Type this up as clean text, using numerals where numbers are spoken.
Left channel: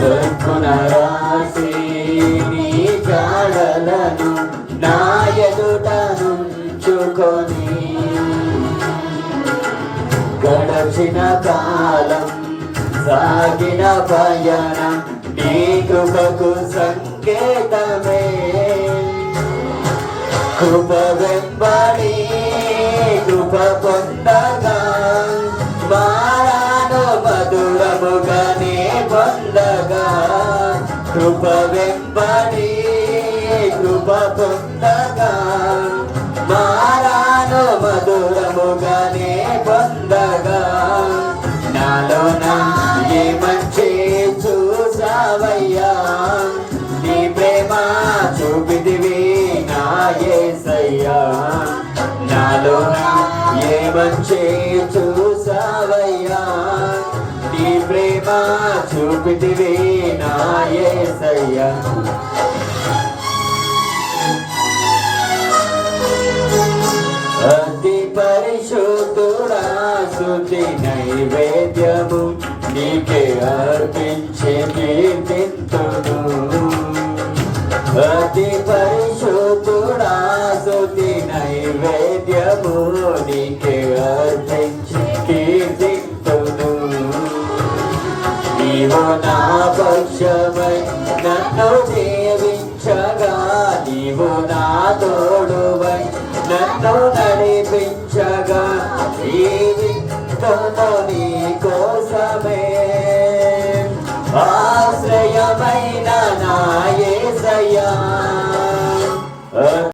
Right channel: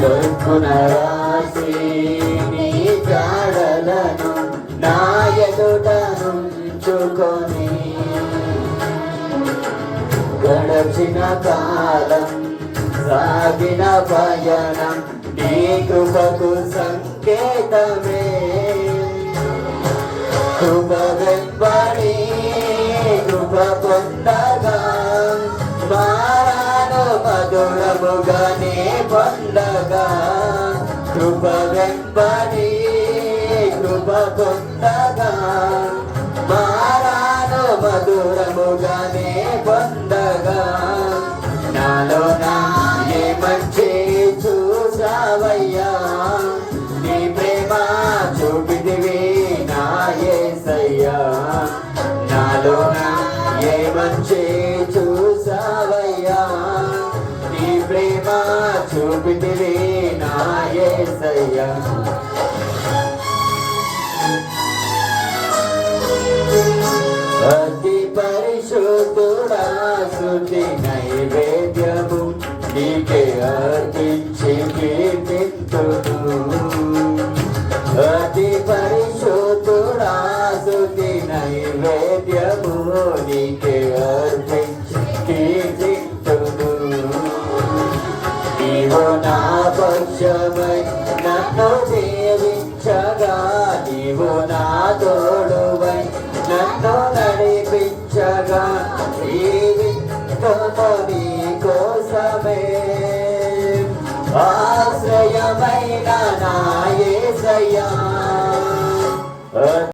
చొప్పున రాసి నీ జాడలను నా ఎదుట నుంచుకొని గడచిన కాలం సాగిన పయనం నీ కృపకు సంకేతమే కృప వెంబడి కృప పొందగా వారాను మధురముగానే పొందగా కృప వెంబడి కృప పొందగా వారాను మధురముగానే పొందగా నాలో నా ఏ మంచి చూసావయ్యా నీ ప్రేమ చూపిదివి నా యేసయ్యా నాలో నా ఏ మంచి చూసావయ్యా నీ ప్రేమ చూపిదివి నా యేసయ్యా అతి పరిశుద్ధుడా స్తుతి నైవేద్యము నీకే అర్పించి కీర్తింతును అతి పరిశుద్ధుడా స్తుతి నైవేద్యము నీకే అర్పించి కీర్తింతును నీవు నా పక్షమై నన్ను జీవించగా నీవు నా తోడువై నన్ను నడిపించగా ఈ వింతలో నీ